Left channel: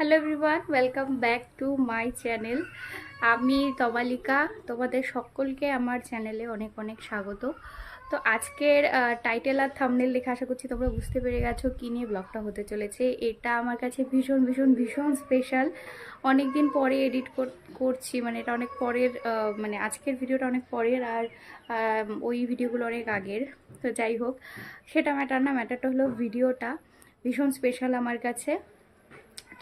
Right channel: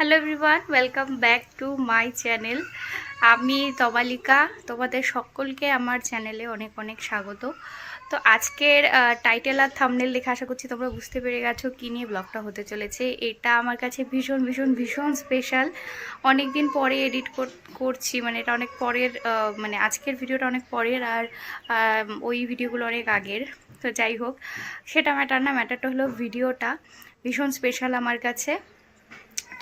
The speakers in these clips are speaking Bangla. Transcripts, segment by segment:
Hello everyone, welcome back to my channel. আমি তমালিকা, তোমাদের সকলকে আমার চ্যানেলে অনেক অনেক স্বাগত। তো আজকের টাইটেল আর থাম্বনেল দেখে আশা করছি তোমরা বুঝতে পেরে গেছো কী নিয়ে ব্লগটা হতে চলেছে। এটা আমার কাছে ভীষণ ভীষণ ভীষণ স্পেশাল। অনেক দিন পরে এডিট করছি, মানে এটা অনেক পরের, মানে আজকের ভিডিওটা অনেক পরের আর ওই ভিডিওগুলো অনেক আগের। তো যাই হোক, সেটা ম্যাটার না, ম্যাটারটা হলো ভিডিওটা ভীষণ স্পেশাল আমার কাছে।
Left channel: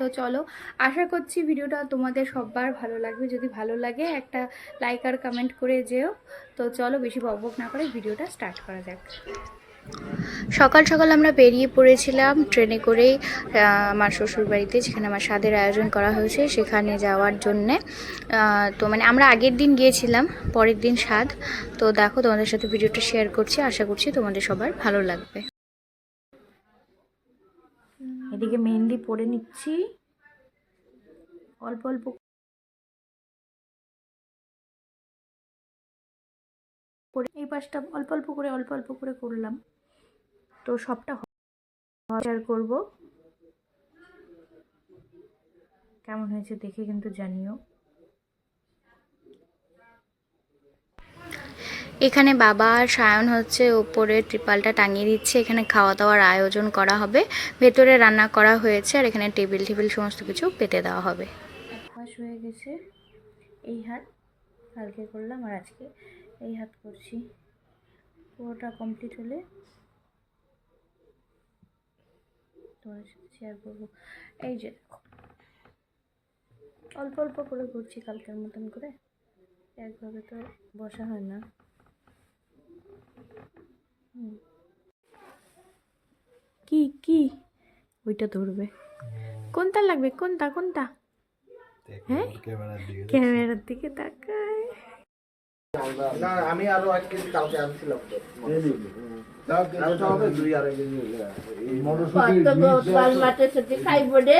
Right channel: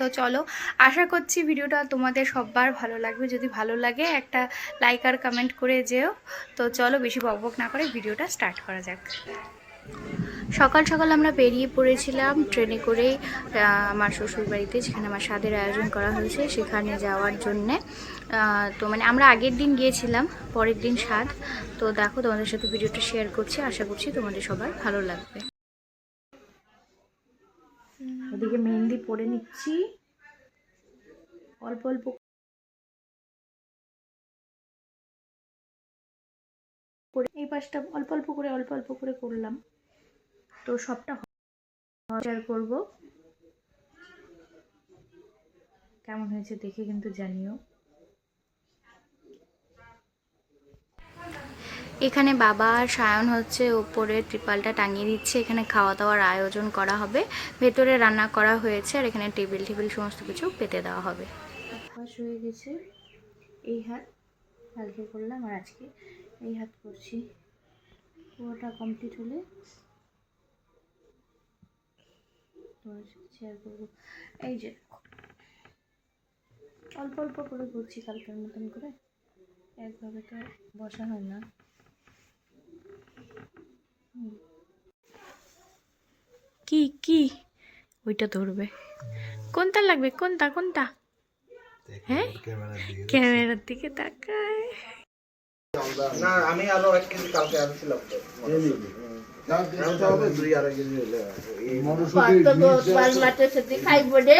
তো চলো, আশা করছি ভিডিওটা তোমাদের সবার ভালো লাগবে। যদি ভালো লাগে একটা লাইক আর কমেন্ট করে যেও। তো চলো, বেশি বকবক না করে ভিডিওটা স্টার্ট করা যাক। সকাল সকাল আমরা বেরিয়ে পড়েছিলাম ট্রেনে করেই আমার শ্বশুর বাড়িতে, যেখানে আমার স্বাদের আয়োজন করা হয়েছে সেখানে যাওয়ার জন্যে। তো মানে আমরা আগের দিন গিয়েছিলাম, পরের দিন স্বাদ। তো দেখো, তোমাদের সাথে ভিডিওটা শেয়ার করছি, আশা করছি তোমাদের সবার ভালো লাগবে। এদিকে মেহেন্দি পরে নিচ্ছি অল্প অল্প, এই পাশটা অল্প অল্প করে করলাম। তো সবটা শেয়ার করব, কেমন হয়েছে দেখে কিন্তু জানিও। এখানে বাবা আর সায়ন হচ্ছে উপরে ত্রিপালটা টাঙিয়ে দিচ্ছে। এখানে খাওয়া দাওয়ার আয়োজন করা হবে, ভেতরে রান্না করা হয়েছে আর এখানে টেবিল সমস্ত কিছু পেতে দেওয়া হবে। এক পাশ হয়ে গেছে, এই হাত কালকে করলাম আর আজকে এই হাত করছি। পুরোটা কমপ্লিট হলে তোমার সাথে শেয়ার করবো। এই যে অল্প অল্প করে করছি, কালকের মতন করে, একভাবে তো বসা হয় না। কি কি ওইটা ধরবে, কোনটা লাগবে, কোনটা কোনটা? হ্যাঁ, ক্যামেরার দিকে তাকায়। না আমি আরো 1 কেজি কালকে আনছিলাম তো হবে 2-2.5 কেজি হলে মটরশুঁটি খাইব রে।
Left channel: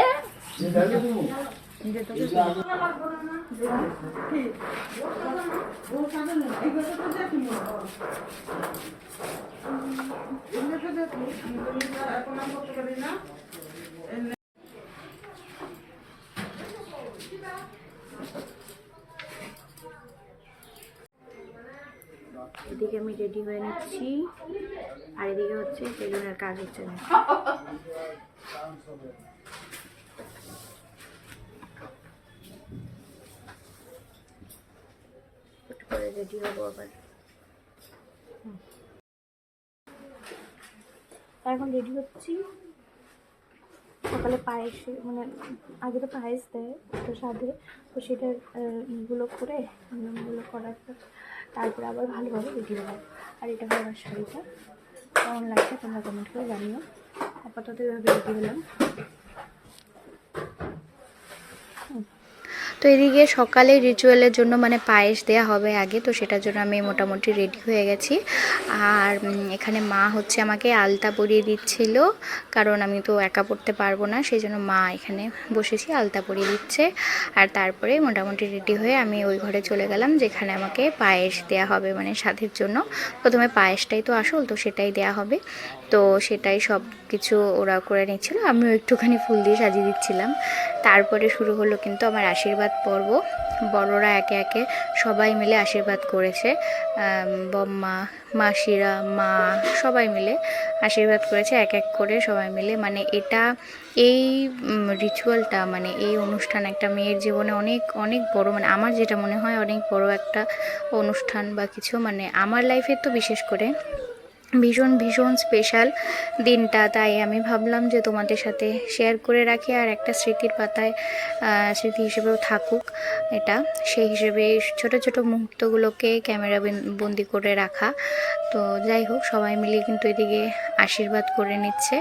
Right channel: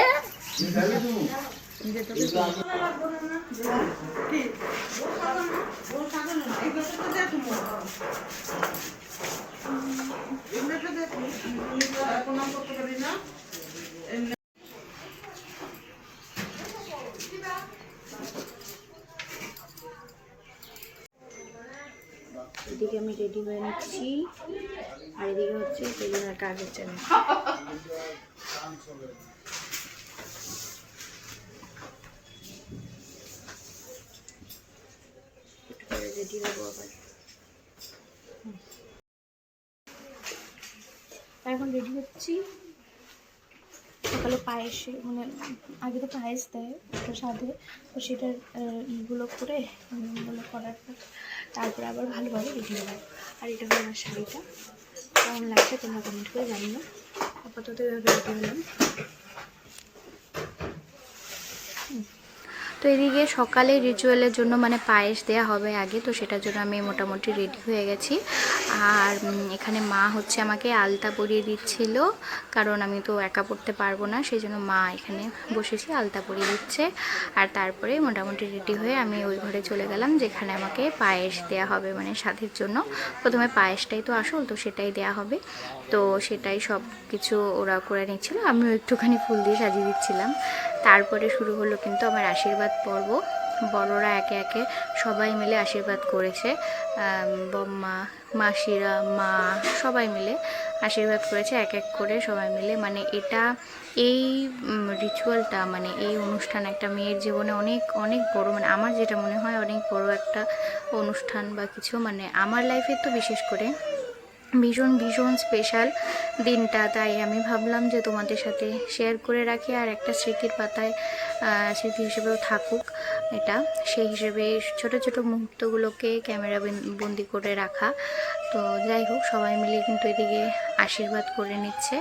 এদিকে আমি রেডি হয়ে নিচ্ছি আর এদিকে হচ্ছে বেলুনের কাজের চ্যানেল। একটু পরে রেডি হবো আবার। এখন রেডি হচ্ছি। সকালে পায়েস, মানে আগে তো পায়েস দেয় প্রসাদে, তো সেটার ইগুলো করে নিয়মগুলো করার পর তারপরে আবার ভালোভাবে রেডি হলাম। আর এটা হলো আমার শাড়িটা, কেমন লাগছে তোমরা কমেন্ট করে জানিও। আপাতত এভাবে রেডি হলাম। তো এদিকে সকালে রিচুয়ালের জন্য মানে পায়েস দেওয়া হবে আগে, তো সেটার জন্য আমি মোটামুটি রেডি হয়ে গেছি। আর এখানে মা হচ্ছে আমাকে আলতা পরিয়ে দিচ্ছিল, কারণ আমি তো একা পড়তে পারবো না, সেই জন্য মা এখানে বসেছি আলতা পরিয়ে দিচ্ছে। আর তারপরে মোটামুটি রেডি হয়ে আমি ওই ঘরে চলে গেলাম যেখানে আমাকে পায়েস দেওয়া হবে, মানে স্বাদের জন্য। প্রথমে পায়েসটাই তো আসল, তো সেটাই দেওয়া হবে। তো সেটাই সব কিছু ওরা করে নিচ্ছিল, আমিও একটুখানি ফুল দিয়ে সাজিয়ে দিচ্ছিলাম। তারপরে শুরু হলো কিন্তু আমার আশীর্বাদ পর্ব। বড়রা একে একে সবাই মিলে আশীর্বাদ করেছে, বম্মা, মাসিরা, মা সবাই মিলে আশীর্বাদ করেছে এক এক করে সবাই মিলে। মানে এটা, এই রিচুয়ালটা, মানে এই অনুষ্ঠান একটা মেয়ের জীবনে অনেক অনেক বড়, মানে আমার যেটা মনে হয় অনেক বড় একটা অনুষ্ঠান বা কিছু, মানে আমার লাইফে তো বিশেষ করে ভীষণ ভীষণ স্পেশাল দিনটা। তাই আমি ভাবলাম যে তোমাদের সাথে শেয়ার করে রাখি, আর একটা স্মৃতির পাতায় স্মৃতি হিসেবেও থাকুক এটা। সেই হিসেবে ছোট ছোট মুহূর্তগুলোকে ক্যামেরা বন্দি করে রাখা। তো যাই হোক, সবাই মিলে কিন্তু এদিকে আশীর্বাদ করে নিচ্ছে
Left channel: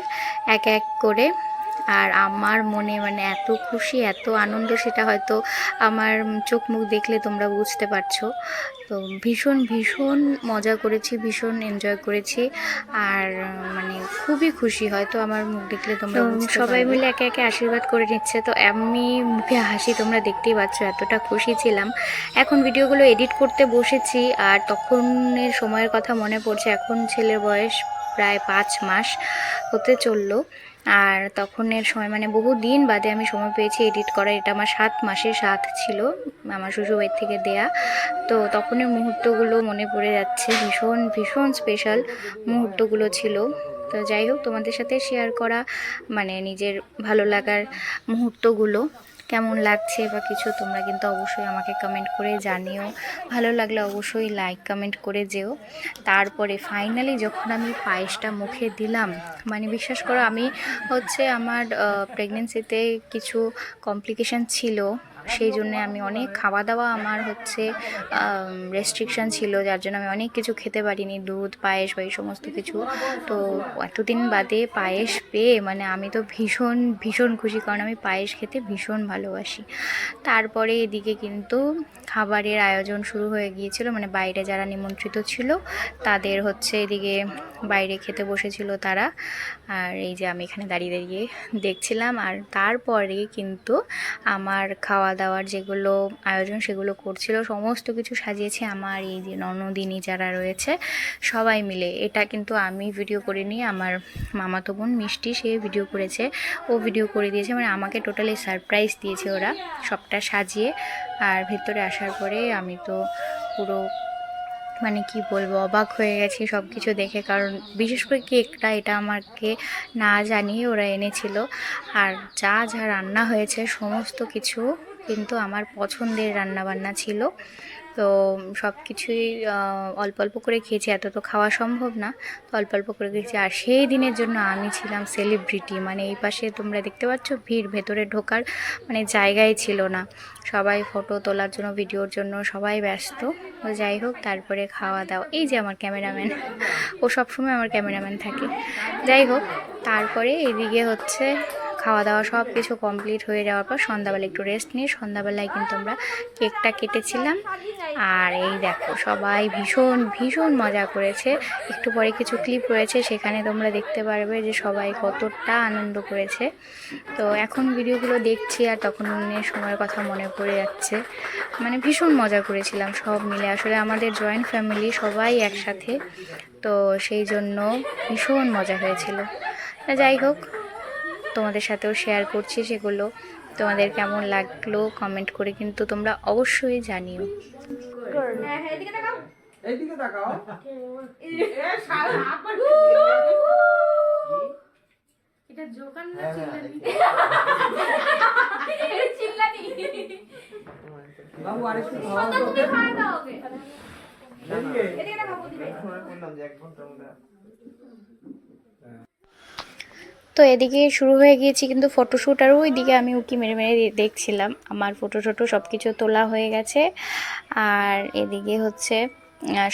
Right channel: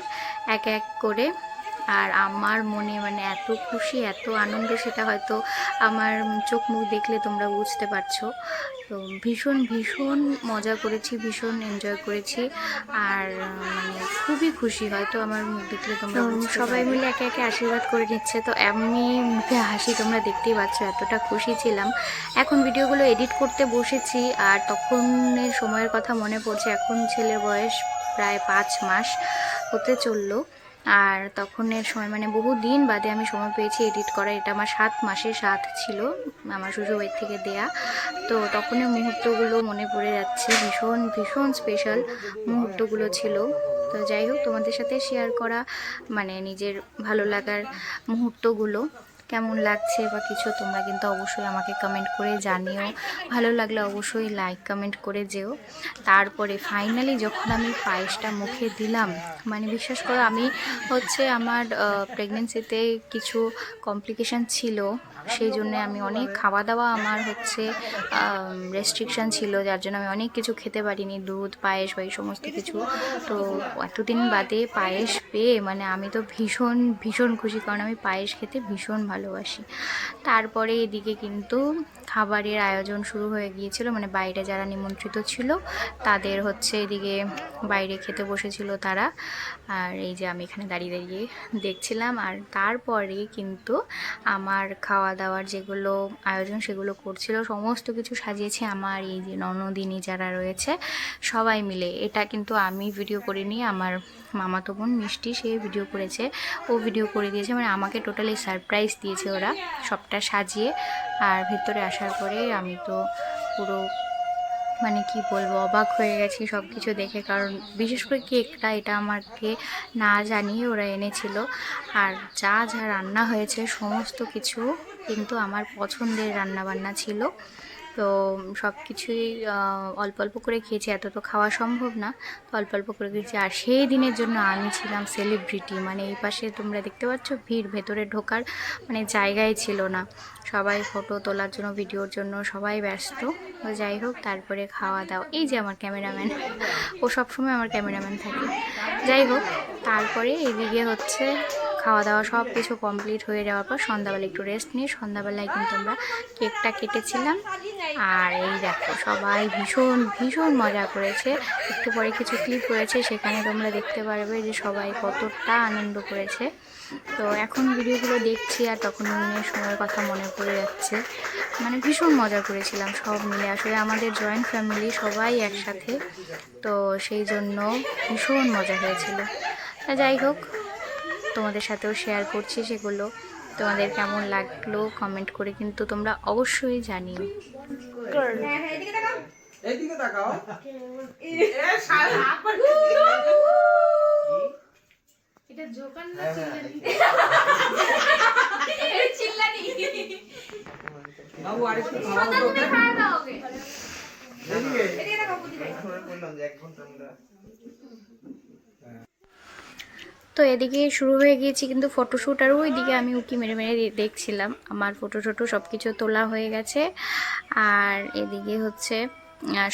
এক এক করে। আর আমার মনে মানে এত খুশি, এত আনন্দ, সেটা হয়তো আমার চোখ মুখ দেখলে তোমরা বুঝতে পারছো। তো ভীষণ ভীষণ মজা করেছি, ভীষণ এনজয় করেছি। আর মানে খুবই খুশি, হয়তো আমার মুখ দেখলে তোমরা সবাই মিলে একে একে আশীর্বাদ করে নিচ্ছে। তো এমনি মুখে হাসি তোমরা দেখতেই পাচ্ছ, এতটা খুশি ছিলাম। এখন ভিডিওগুলো এডিট করতে বসেছি আর তখনের সময়ের কথা মনে পড়ছে। এখন ছেলের বয়স প্রায় 5 মাস হতে চললো। আর তখনের সময় মানে বহু দিন বাদে আমি সময় পেয়েছি এডিট করা। এটা আমার 7 মাসের সাথ ছিল, আমার শ্বশুরবাড়ি থেকে দেয়া। তো তখনের মুহূর্তগুলো মনে পড়ে যাচ্ছে, ভীষণ ভীষণ স্পেশাল মুহূর্তগুলো ছিল। তো যাই হোক, তোমাদের সাথে শেয়ার করা মানে নিজের ভালো লাগার মুহূর্তগুলো কেমন লাগছে বা কিছু তোমরা কিন্তু অবশ্যই আমাকে কমেন্ট করে জানিও। ভালো লাগলে অবশ্যই লাইক কমেন্ট করে যেও। তারপরে ফাইনালি যখন আমি পায়েসটা মুখে দিলাম, মানে বিশ্বাস করো আমি হচ্ছে আমার প্রেগনেন্সিতে কিছু কমপ্লিকেশান ছিল, সেই জন্যে আমি অনেক খাওয়া দাওয়া আমার হচ্ছে রেস্ট্রিকশান ছিল, যার জন্য আমি অনেক কিছু খেতে পারিনি, দুধ পায়েস বা এই সমস্ত কিছু। তো এতদিন বাদে পায়েস পেয়ে মানে আমি তো ভীষণ ভীষণ খুশি, কারণ আমি পায়েস খেতে ভীষণ ভালোবাসি। তারপরে এদিকে কিন্তু খাবারের আয়োজন শুরু হয়ে গিয়েছিল, মানে বাইরে যারা নিমন্ত্রিত ছিল তাদের হচ্ছে এদিকে বাইরে খেতে বসেছিল তারা, আর এই যে আমি এখানে দাঁড়িয়ে দাঁড়িয়ে দেখছিলাম। আর তারপরে কিন্তু আমার খাওয়া দাওয়ার যেগুলো আয়োজন সেগুলো করছিল, সমস্ত কিছু সাজিয়েছে আমার এই যে ননদিনী যারা রয়েছে সবাই মিলে। এটা কিন্তু আমি ভিডিও করিনি, আমার মামাতো বোন মিষ্টি সে ভিডিও করেছে, ও ভিডিও করে দিয়েছে, মানে আমাকে টোটালি সারপ্রাইজ দিয়েছে ওরা সবটা সাজিয়ে। আর ভেতরে আসার পরে আমি তো পুরো মানে কি বলবো, অবাক হয়ে গেছি সব কিছু দেখে, কারণ বিশেষ করে কেকটা এটা আমাকে না জানিয়ে ওরা এনেছিল। আর যা যা রান্না হয়েছে সমস্ত কিছু কিন্তু আমার পছন্দের রান্নাবান্না ছিল। তো সব কিছুই অল্প অল্প করে খেয়েছি, এত তো খাওয়া সম্ভব না, তো অল্প অল্প করে খেয়েছি। আর সেই দিনের জন্য আমি ছিলাম সেলিব্রিটি, মানে এই পাশে তোমরা দেখতে পাচ্ছ ভিড়, ভেতরে ঢোকার মানে জায়গায় ছিল না, সবাই ফটো তোলার জন্য ভিডিওর জন্য সবাই ব্যস্ত। তো যাই হোক, তারপরে খাওয়া দাওয়া, এই যে আমার ক্যামেরাম্যান, ও সবসময় আমার ক্যামেরাম্যান থাকে। যাই হোক, তারপরে এদিকে হচ্ছে খাওয়া দাওয়া সব কিছু কমপ্লিট হয়ে যাওয়ার পর সন্ধ্যাবেলা একটু রেস্ট নিয়ে সন্ধ্যাবেলায় কিন্তু আমরা কেকটা কেটেছিলাম। আর এই দেখো সবাই ভীষণ ভীষণ মজা করেছে, একটু পরে কিছু ক্লিপ রয়েছে সেখানে তোমরা দেখতে পারবে যে সবাই কতটা আনন্দ করেছে। তো এখন ভিডিওগুলো দেখছি আর তখন সময়ের কথা মনে পড়ে যাচ্ছে, মানে ভীষণ মজা করেছিলাম সব মিলে। আসলে আমাদের জয়েন্ট ফ্যামিলি সবাই একসাথে, তো সেই জন্য ভীষণ মজা হয়েছিল। যাই হোক, তোমাদের সাথেও শেয়ার করছি সেগুলো, তোমাদের কেমন লাগলো কমেন্ট করে কিন্তু তোমরা অবশ্যই জানিও। তো এদিকে শুরু হয়ে গিয়েছি কিন্তু ফটোশ্যুট, আর ওইদিকে আমি উকি মেরে মেরে দেখছিলাম। আমার ফটো টটো সব কিছু তোলা হয়ে গেছে, আর এদিকে হচ্ছে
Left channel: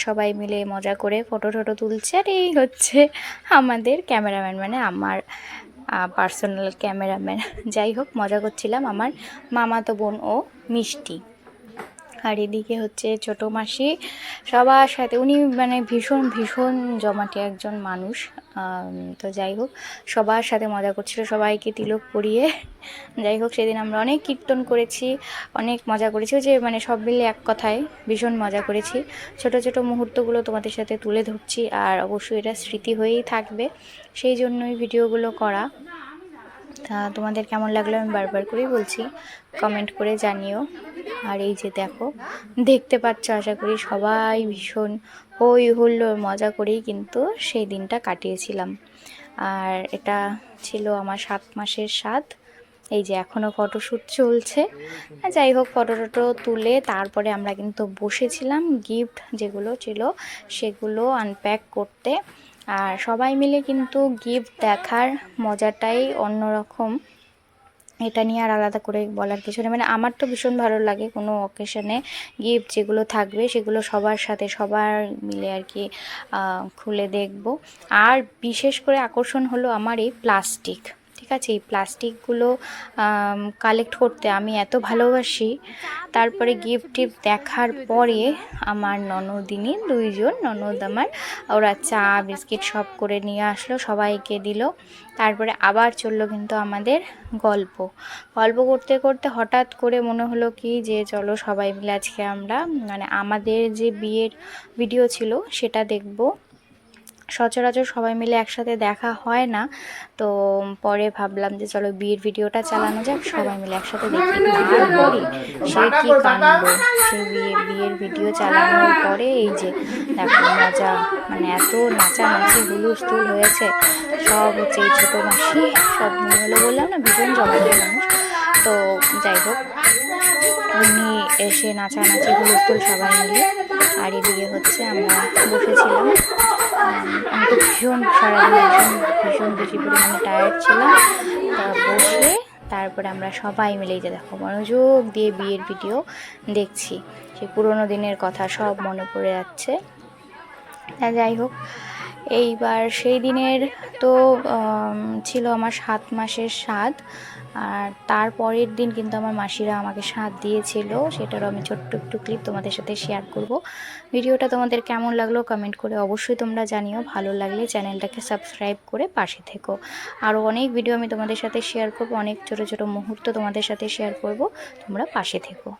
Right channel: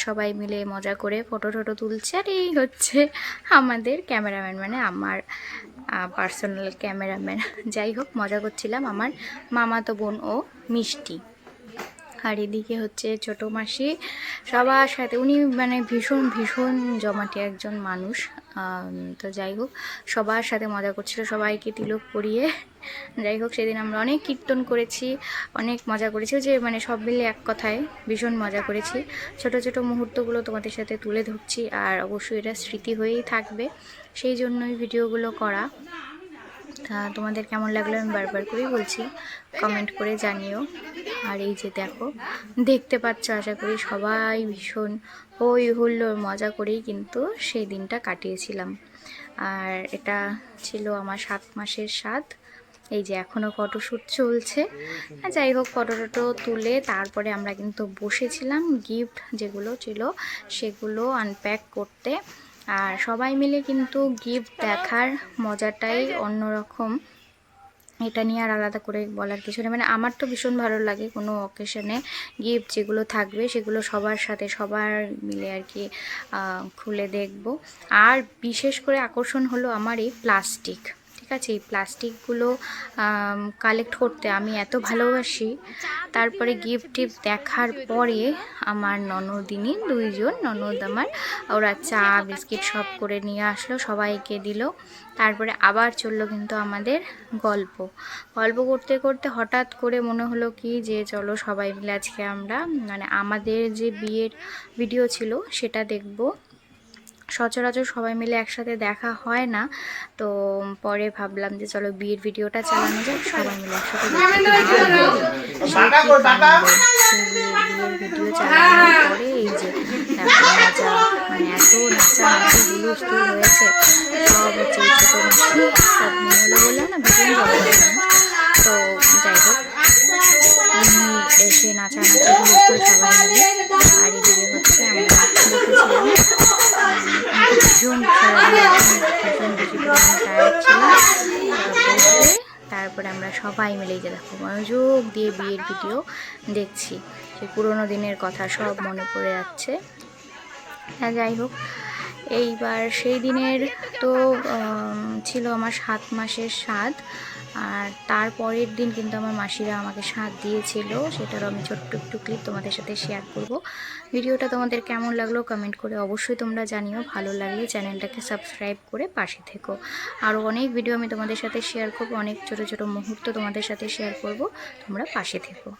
সবাই মিলে মজা করে ফটো টটো তুলছে। আর এই হচ্ছে আমাদের ক্যামেরাম্যান, মানে আমার পার্সোনাল ক্যামেরাম্যান। যাই হোক, মজা করছিলাম, আমার মামাতো বোন ও মিষ্টি। আর এদিকে হচ্ছে ছোটো মাসি সবার সাথে, উনি মানে ভীষণ ভীষণ জমাটি একজন মানুষ। তো যাই হোক, সবার সাথে মজা করছিল, সবাইকে তিলক পরিয়ে। যাই হোক, সেদিন আমরা অনেক কীর্তন করেছি, অনেক মজা করেছি, যে মানে সব মিলে এক কথায় ভীষণ মজা করেছি। ছোট ছোট মুহূর্তগুলো তোমাদের সাথে তুলে ধরছি, আর অবশ্যই এটা স্মৃতি হয়েই থাকবে, সেই জন্যই ভিডিওগুলো করা। তা তোমাদের কেমন লাগলো আমি বারবার করেই বলছি, কমেন্ট করে জানিও। আর এই যে দেখো, দেখতে পাচ্ছ আশা করি সবাই ভীষণ হই হুল্লোড় মজা করেই কিন্তু সেই দিনটা কাটিয়েছিলাম। আর এটা ছিল আমার 7 মাসের স্বাদ। এই যে এখনও ফটোশ্যুট চলছে। যাই হোক, ফটো টটো তুলে তারপরে আমরা কিন্তু বসেছিলাম গিফট যেগুলো ছিল সেগুলো আনপ্যাক করতে। আর সবাই মিলে কিন্তু গিফট দেখার মজাটাই অন্যরকম, এটা নিয়ে আর আলাদা করে বলার কিছু নেই। মানে আমার তো ভীষণ ভালো লাগে কোনো অকেশনে গিফট যেগুলো থাকবে সেগুলো সবার সাথে সবার মিলে আর কি খুলে দেখব। আর বিশেষ করে আকর্ষণ হলো আমার এই প্লাস্টিক, ঠিক আছে, এই প্লাস্টিকগুলো কালেক্ট করতে আমি এত ভালোবাসি। তারপরে গিফট টিফট দেখার পরে আমার ননদিনী, 2 জন ননদ আমার, ওরা চা বিস্কিট সব করে নিয়ে আসলো, সবাইকে দিল। তারপরে আবার চললো কিন্তু আমাদের গল্প করতে করতে হঠাৎ করে মনে হলো কি যে চলো সবাই মিলে আজকে আমরা মানে আমাদের যে বিয়ের ভিডিও ছিল সেটা দেখব সচরাচর সবাই মিলে একসাথে দেখা হয় না। তো পরে ভাবলাম যে চলো বিয়ের ভিডিওটা চালানো যাক, সবাই মিলে একসাথে দেখি। সে কি কাণ্ড, সেই বিয়ের ভিডিও চালানোর পরে এই যে দেখো মজা, মানে এত নাচানাচি হুলুস্থুল হয়েছে। সব হচ্ছে এই ছোটো মাসি সব নিয়ে হলো, বললাম না ভীষণ জগতের মানুষ। তো যাই হোক, উনি এসে নাচানাচি হুলুস্থুল সবাই মিলে। আর এদিকে হচ্ছে আমরা বসেছিলাম। আমি তো ভীষণ সারাদিন ভীষণ বেশি পরিমাণে টায়ার্ড ছিলাম। তা বসে তারপরে আমরা সবাই মিলেই যে দেখো মনোযোগ দিয়ে বিয়ের ভিডিও দেখছি। সেই পুরোনো দিনের কথা সব মনে পড়ে যাচ্ছে। যাই হোক, এইবার সেই দিনের তো ছিল আমার 7 মাসের স্বাদ। আর তারপরের দিন কিন্তু আমার মাসিরা আমাকে স্বাদ দিয়েছিল, সেটারও আমি ছোট্ট একটু ক্লিপ তোমাদের সাথে শেয়ার করব। ভিডিওটা তোমাদের কেমন লাগলো কমেন্ট করে অবশ্যই তোমরা জানিও। ভালো লাগলে চ্যানেলটাকে সাবস্ক্রাইব করে পাশে থেকো। আরও অনেক ভিডিও আমি তোমাদের সাথে শেয়ার করব, অনেক ছোট ছোট মুহূর্ত তোমাদের সাথে শেয়ার করব, তোমরা পাশে থেকো।